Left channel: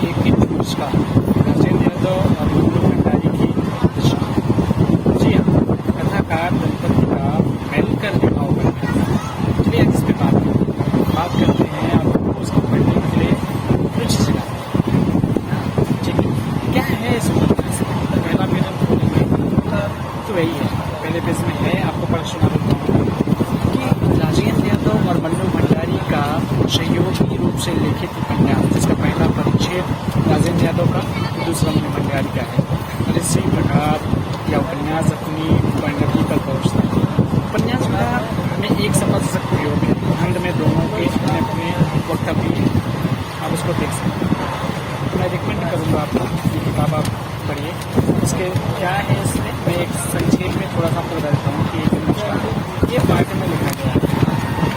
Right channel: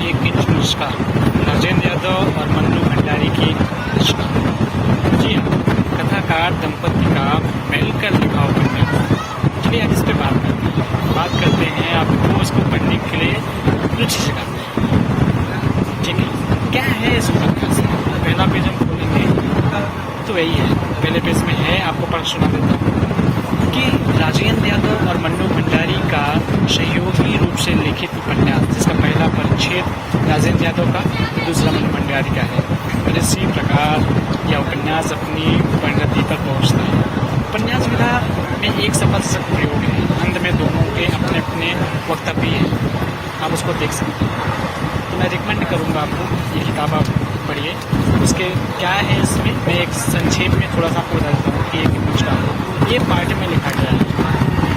एक इंच नुस्खा, राजेंद्र यादव और मन्नू भंडारी की रचना। जी हाँ, कथाकार दंपति का मिलकर लिखा उपन्यास। चलिए आज इस पर बात करते हैं। आपको उसको पढ़ने के लिए रुचि सिखाते हैं। ठीक है, क्या है इस उपन्यास में? पहला पेज हम खोलेंगे तो वही है। पहले पेज में है, आपको पढ़ सुना देता हूँ कि राजेंद्र यादव और मन्नू भंडारी का सहयोगी रूप से लिखित उपन्यास, जिसका पहला परिच्छेद राजेंद्र यादव का, दूसरा मन्नू भंडारी का है। और इसी प्रकार यह उपन्यास अपनी परिणति पर पहुंचता है। उपन्यास विधा में एक सफल प्रयोग है। अंत में दोनों के अपने अपने वक्तव्य हैं, आप उसको देख सकते हैं। मैं रिकमेंड करूँगा आपको, ये किताब आप पढ़िए। उसके क्या है इसमें, मैं एक संक्षेप में थोड़ा सा आपको बता देता हूँ कि एक नुस्खा ये पार्ट में लिखा गया है।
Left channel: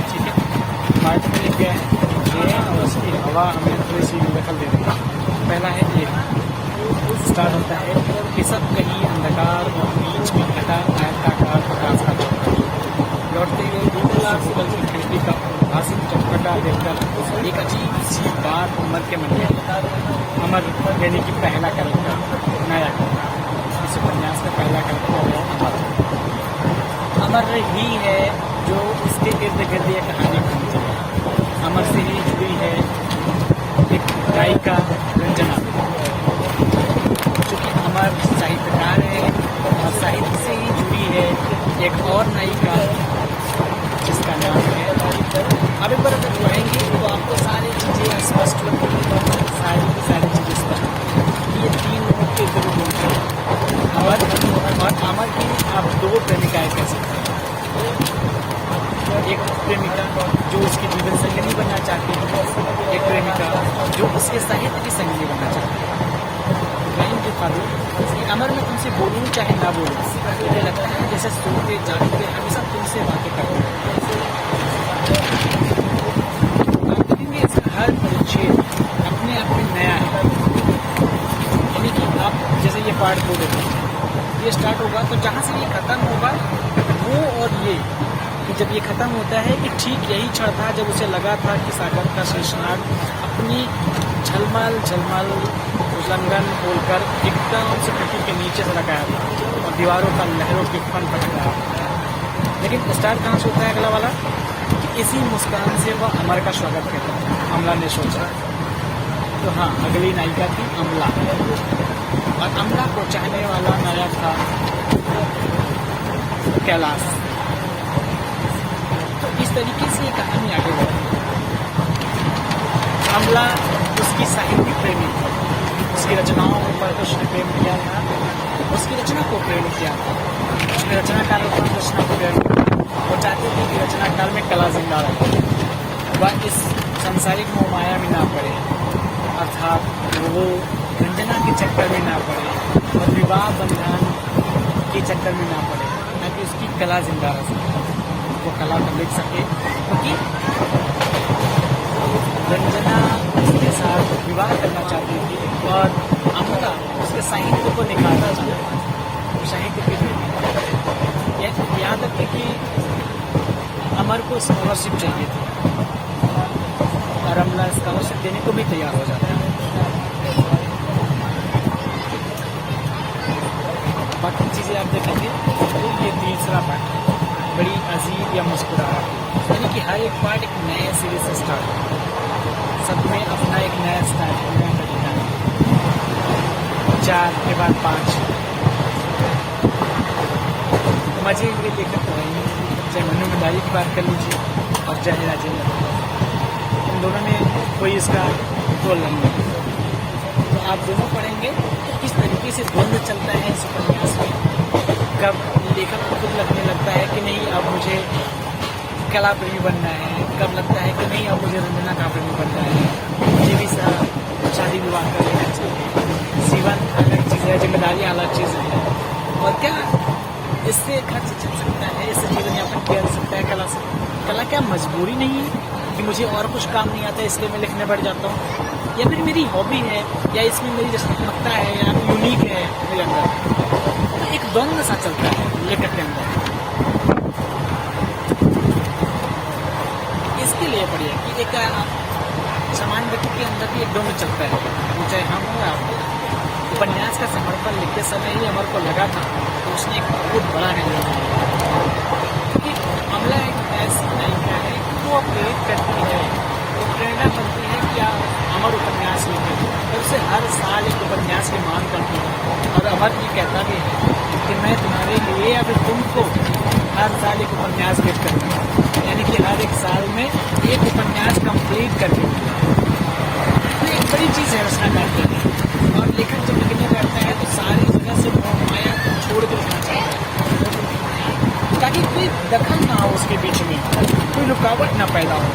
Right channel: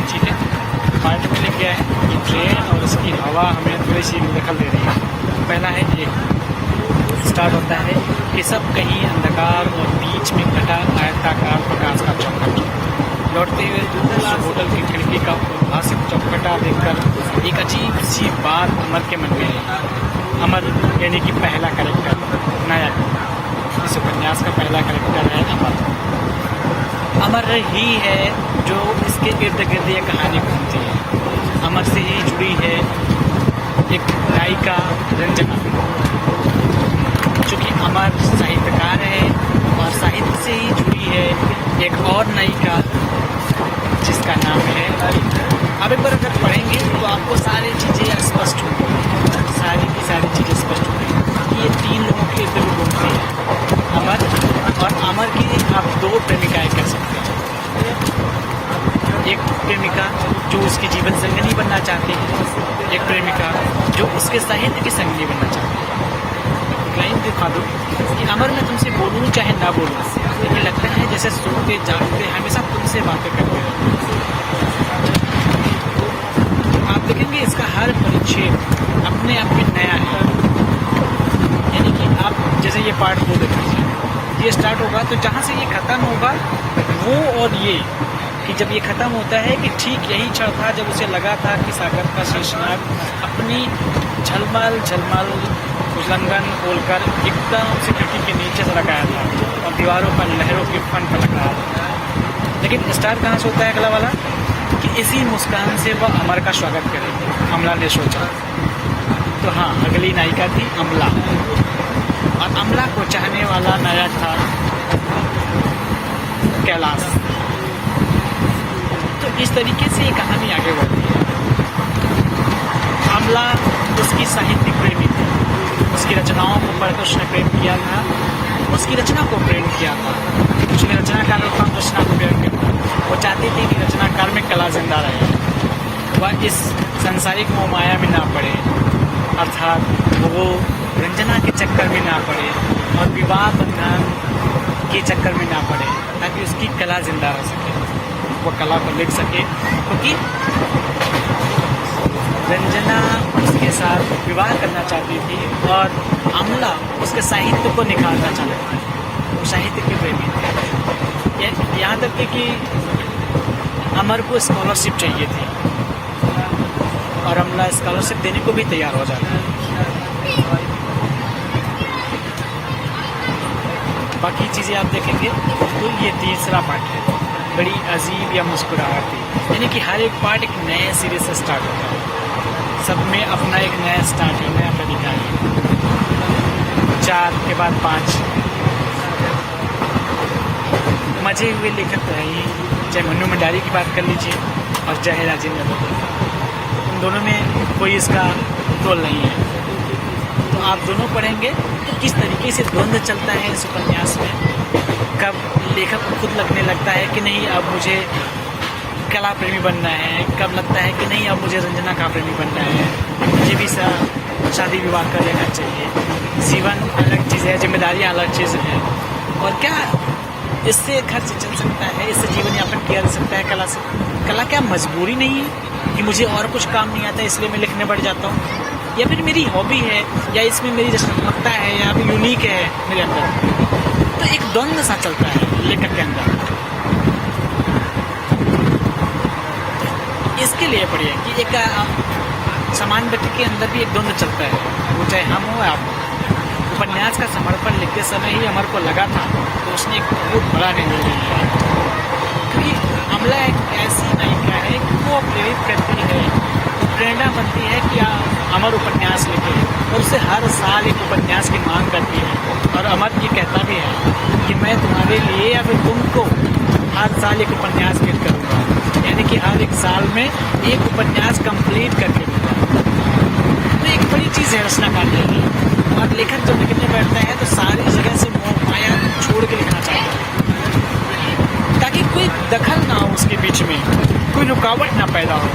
ठीक है, पार्ट में लिख गया है कि ट्रेन और उसकी हवा हमें थोड़ी सी दखल दे रही है। पहला है, एक स्टार्ट होता है कि सब कहीं अंधकार और बीच में कटा आयताकार प्रकाश का चौखट। लौटते हुए उस होटल की खिड़की का उद्भासित चौखटा देखकर एक अजीब सी बात अमर के मन में आई। अमर यानी कि पहला कैरेक्टर, नायक। इस उपन्यास का पहला कैरेक्टर है अमर। अमर ही है जो इसके इर्द गिर्द ये कहानी घूमती है। अमर से ही जुड़ी है एक गायिका रंजना, चूँकि अमर साहित्यकार है और साहित्य से ही जुड़ी है एक और नायिका जिसका नाम है। अब एक बार अगर पढ़ेंगे तो आपको सारी चीज़ें स्पष्ट होंगी, सारी की सारी चीज़ें स्पष्ट होंगी। ये तीन लोगों के दिल घूमती है, अमर और अमर की आप दो प्रेमिकाएं कह सकते हैं। एक प्रेमिका जो उसकी जीवन संगिनी बनना चाहती है, एक प्रेमिका जो उसके साहित्य की संगिनी बनना चाहती है। लाइन दिखा दो कि अमर मैं तुमसे बोलूँ चाहे ना बोलूँ, मुझे लगता है जैसे सोते जागते हमेशा तुमसे बातें करते रहते हैं। आप देखेंगे इसका हर परिच्छेद अपने आप में नया है। यानी कि आप जैसे ये पार्ट 2 देख लीजिए, ये स्टार्ट होगा तो जहाँ से ये खत्म होगा वो, और ये कि जब ये खत्म होता है कि ठीक यही क्षण था जब उसे लगा था कि सागर का शेषनाग अपनी झलमल उल्लंघन खोलकर एकदम से खिड़की के नीचे से लगाया था और दीवारों पर लहरों के फन पटक रहा था। लेकिन स्टार्ट कहाँ से होता है अगला वाला कि इसी मुस्कान से वह अमर का स्वागत करेगी, अमला ने सोचा। तो हाँ, अगली नायिका थी अमला, और अमला को चाहने वाला नायक था कैलाश। तो इस तरीके से ये कहानी आगे बढ़ती है। अमला उसकी साहित्यिक प्रेमी थी, उसकी रचनाओं को पढ़कर उसने प्रेम किया था, उसकी रचना को प्रेम किया था। उसने रचनाकार और रचना को प्रेम किया था। वो चाहती थी कि रचनाकार में कला जिंदा रहे, वह इस सांसारिक मोह माया में ना पड़े, अर्थात वो रंजना के चक्कर में ना पड़े और विवाह बंधन के चक्कर में ना पड़े, ताकि उसकी कला जिंदा रह सके, वो कला को लिख सके। क्योंकि रंजना उसके साथ विवाह करना चाहती थी और अमला उसके साहित्य को निखारना चाहती थी। वो साहित्य के प्रेमी थे। यहाँ तक कि अमर को स्कॉलरशिप चाहिए थी और अमला स्कॉलरशिप देने को भी तैयार हो जाती है। बाकी चीज़ें आप देखेंगे तो ये तीसरा पार्ट है, बड़ी अजीब या मुस्कुराहट थी। यानी कि हर एक पार्ट एक नए सिरे से स्टार्ट होता है, सब में अपना एक नया स्टार्ट है, नया तरीका है। 4 के बाद 5 मजे हुए लेखक तो है ही, चाहे मन्नू भंडारी की बात कर लीजिए और चाहे राजेंद्र यादव, इन दोनों में कोई इसका तोल नहीं है। तो आप दोनों पढ़ेंगे तो किस तरीके से द्वंद्व चलता है इस उपन्यास में। कब लेखक को खुद लगने लगता है कि नहीं अब मुझे कला प्रेमी बनना है, कब लगता है कि नहीं अब मुझे रंजना का प्रेमी बनना है, मुझे भी शादी विवाह कर लेना चाहिए। जीवन अलग चीज़ है, जिम्मेदारियाँ अलग चीज़ है, और क्या इससे खर्च चल सकता है, इससे जीवन यापन किया जा सकता है कला से। कला क्या मजबूरी नहीं है कि मुझे और कुछ काम नहीं आता इसलिए मैं लिखने बढ़ जाता हूँ, या फिर मेरी हॉबी है, या इसमें मेरी रचनात्मकता है, या यूनिक है मेरे अंदर। तो एक द्वंद्व सा चलता है लेखक के अंदर। इसके लिए पढ़िए कि एक सामान्य व्यक्ति के अंदर भी एक द्वंद्व चलता है, वो चाहे हम हो या आप हो। उपन्यास का समर्पण लिखते समय ही अमर को लगा था तो उसने एक बहुत बड़ा निर्णय लिया, क्योंकि अमला एक ऐसी नायिका है कि वो प्रेरित करती है, वो प्रेरणा बनती है कि अमर उपन्यास लिखे, और उसे हर साल एक उपन्यास की मांग करती है। और अमर ये कहता भी है कि मैं तुम्हारे लिए या फिर तुमको हर साल एक उपन्यास लिख करूँगा, यानी कि हर एक साल में एक उपन्यास कंप्लीट करके दूंगा। तो एक बड़ी चीज़ है रचनाकार के लिए, और लेखक जब लिखने बैठते हैं तो सारी जगह से मोह माया छोड़ के लिखना चाहता है, ताकि कोई दखल ना हो उसके बीच में, कोई रुकावट ना पैदा हो।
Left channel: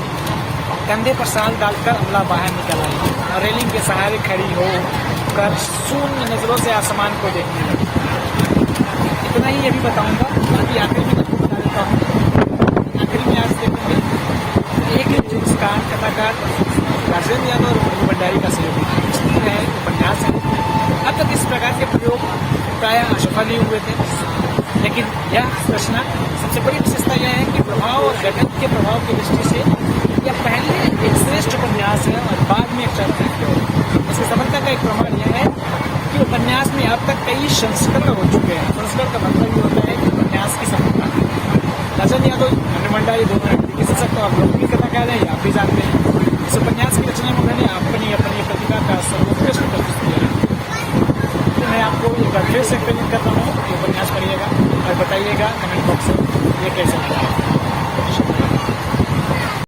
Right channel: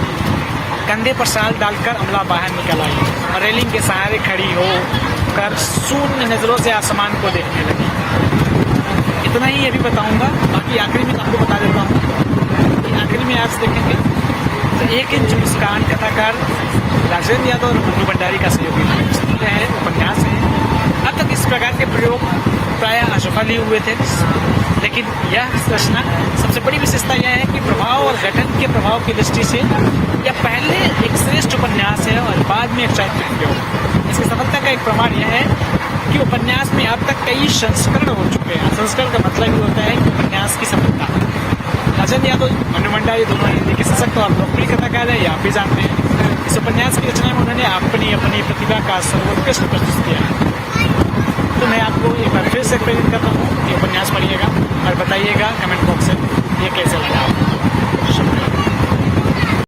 कंधे पर साल डालकर अमला बाहर निकल आई और रेलिंग के सहारे खड़ी हो कर शून्य नजरों से आसमान को देखने लगी। इतना ही अभी बताऊंगा, बाकी आखिरी में आपको बता देता हूँ कि आखिरी में आज देखेंगे तो एक इंच मुस्कान कथाकार राजेंद्र यादव और मन्नू भंडारी का सहयोगी है, उपन्यास है। अब तक इस प्रकार के प्रयोग प्रायः असफल ही हुए थे, लेकिन यह रचना सबसे बड़ी विशेषता यह है कि प्रभाव और गठन के प्रभाव की दृष्टि से यह पहले एक श्रेष्ठ उपन्यास है और बाद में एक चारित्रिक प्रयोग। इसकी सफलता का एक प्रमाण यह है कि उपन्यास में अब तक कई संस्करण हो चुके हैं। संस्करण का मतलब ये होता है कि उपन्यास की सफलता। राजेंद्र यादव, मन्नू भंडारी दोनों हिंदी के सशक्त और लोकप्रिय कथाकार हैं, ये आप भी जानते हैं। इस उपन्यास की रचना में उन्होंने अपनी प्रतिभा का सर्वोत्कृष्ट प्रस्तुत किया है। तो मैं आपको एक बार फिर से प्रेरित करता हूँ कि उपन्यास पढ़िएगा और बताइएगा कमेंट बॉक्स में ये कैसे लगा आपको।